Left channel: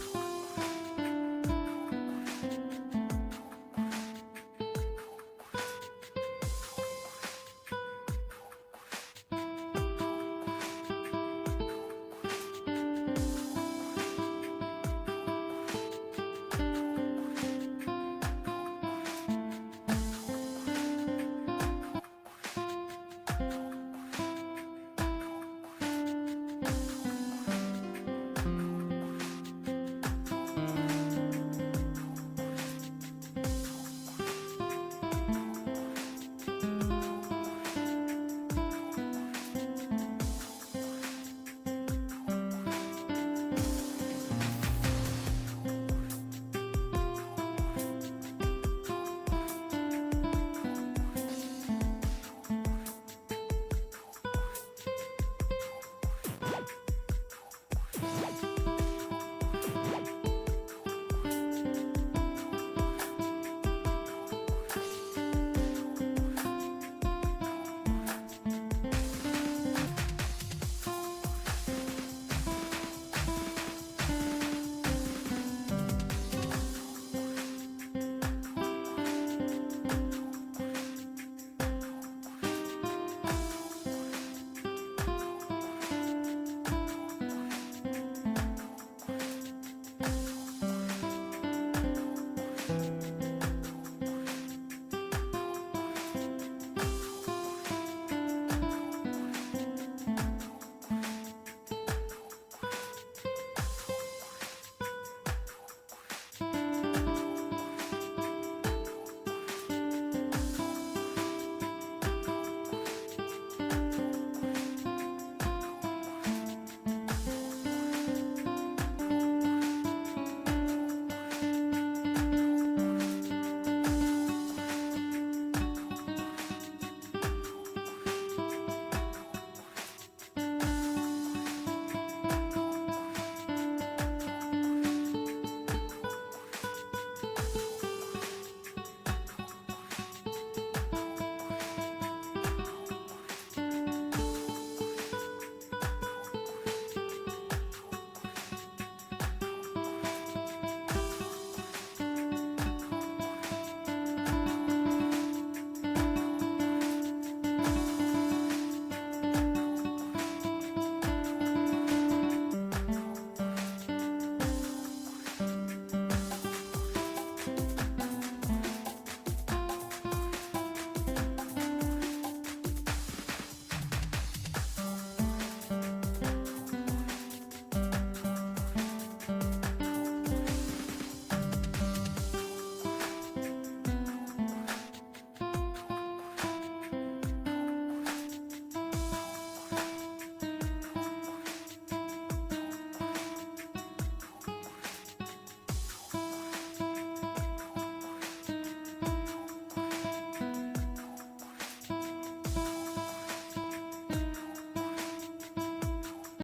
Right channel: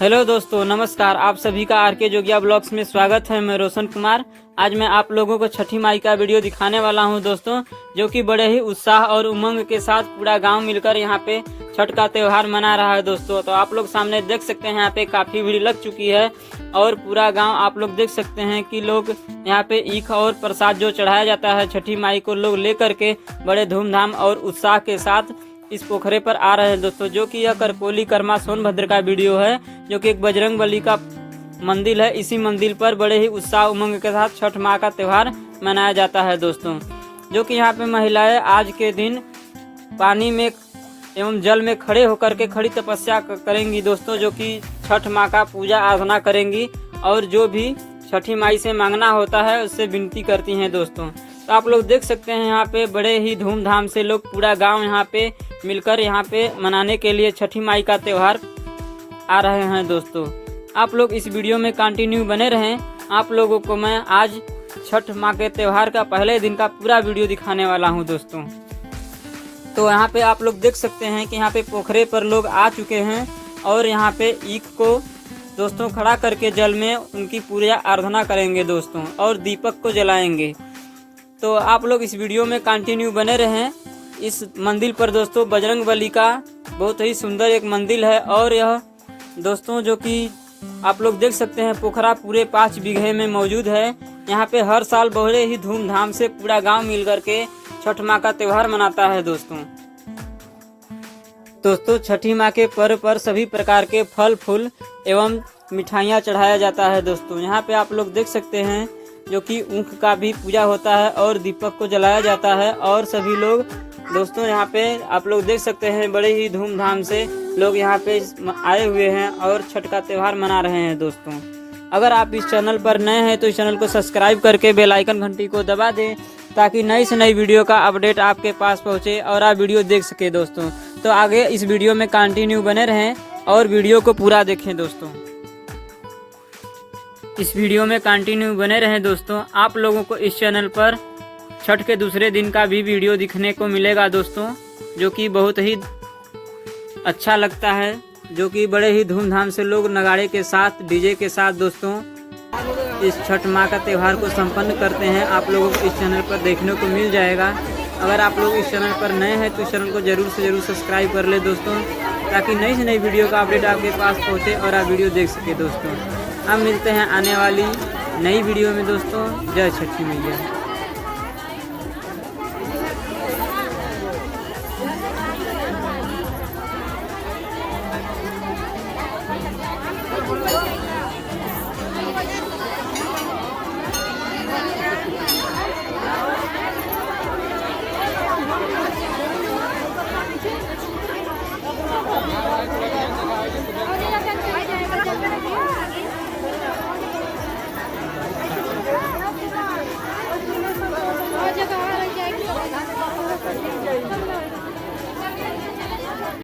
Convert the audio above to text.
Hello दोस्तों, नमस्कार। आप सभी का आरके जोगिया ब्लॉग्स में स्वागत है। मैं रोशन कुमार। आज मैं आप लोगों को छठी माई का वीडियो दिखाने वाला हूं दोस्तों, जो कि बड़े ही उत्साह और उमंग के साथ पूरा गांव मिलकर यहां पे छठ का त्यौहार मना रहा है दोस्तों। तो आप लोग सामने देख सकते हैं यहाँ पे काफ़ी भीड़ लग चुकी है और पूरा गाँव आप लोग देख सकते हैं कि लोग यहाँ पे ईख और प्रसाद जो चढ़ाया जाता है छठी माई को लोग ले करके बड़े धूमधाम और उत्साह के साथ इस पोखरे पर आ रहे हैं दोस्तों। जो कि यह करकोली कर्मा सोनभद्र का वीडियो है, जो कि एक बजरंगबली का मंदिर है। इसी मंदिर पर बड़े ही उत्साह उमंग के साथ छठ माँ का त्यौहार मनाया जाता है दोस्तों। जो कि यहाँ पे महिलाएं आज के दिन पानी में एवं जल में खड़े होकर के खड़ी तपस्या करेंगी दोस्तों, जो कि छठ माँ का पूजा आराधना करेंगी और जो भी छठी माई से मांगना होता है उससे विनती करती हैं दोस्तों। तो आप लोग देख सकते हैं यहाँ पे बड़े ही धूमधाम से लोग पूरा गांव यहाँ पे मिलकर यहाँ पे मनाने के लिए छठी माई का त्यौहार आ रहे हैं दोस्तों। आप लोग इस वीडियो में कंटिन्यू बने रहें। आप लोगों को मैं आज छठ माँ के त्यौहार का पहले दिन का पूरा वीडियो दिखाने वाला हूँ दोस्तों। तो यहाँ पे आप लोग देख सकते हैं कि यहाँ पे पोखरे पर लोग आ चुके हैं और यहाँ पे ईख को दोस्तों खड़ा करके जल में उनकी पूजा आराधना करेंगे दोस्तों और दीपक को जलाएंगे। तो आप लोग इस वीडियो में कंटिन्यू बने रहें। इस मंदिर पर दोस्तों बजरंगबली का बहुत ही सुंदर एक मंदिर है और यह दोस्तों जो कि आप लोग देख सकते हैं पोखरा पूरे 5 बीघे में मौजूद है। यहाँ पे हर साल बड़े ही धूमधाम से पूरा गांव मिल करके छठ माँ का त्यौहार मनाता है दोस्तों। छठी माँ के पर्व पर सभी प्रकार के फल फूल एवं मिठाइयाँ चढ़ाया जाता है दोस्तों। यहाँ पे आप लोग देख सकते हैं जो कि ऊख का भी पूजा होता है और दीपक को जलाया जाता है और सभी लोग दोस्तों यहाँ पे आप लोग देख सकते हैं बड़े ही धूमधाम से लोग यहाँ पे आए हुए हैं और छठ का त्यौहार मना रहे हैं दोस्तों। अगर आप इस चैनल पर नए हैं तो इस चैनल को सब्सक्राइब करके बेल आइकन घंटी को दबा दें, ताकि नई से नई वीडियो का अपडेट आपके पास पहुँचे और आप वीडियो देख सके दोस्तों। तो आगे इस वीडियो में कंटिन्यू बने रहें और वीडियो को पूरा देखें दोस्तों। इस वीडियो में कंटिन्यू बने रहें दोस्तों। आप लोगों को इस चैनल पर छठ के दूसरे दिन का भी वीडियो दिखने को मिलेगा दोस्तों, जो कि बहुत ही अच्छा लगता है। जो कि बड़े ही धूमधाम से लोग नगाड़े के साथ डीजे के साथ दोस्तों इस छठ माँ का त्यौहार को संपन्न करते हैं। आप लोगों को इस चैनल पर देखने को मिल जाएगा। अगर आप लोग इस चैनल पर नए हैं तो इस चैनल को जरूर से जरूर सब्सक्राइब कर ले दोस्तों, ताकि नई से नई वीडियो का अपडेट आपके पास पहुँचे और आप वीडियो देख सके दोस्तों। हम मिलते हैं आने वाली नई वीडियो में दोस्तों। जय छठी मैया।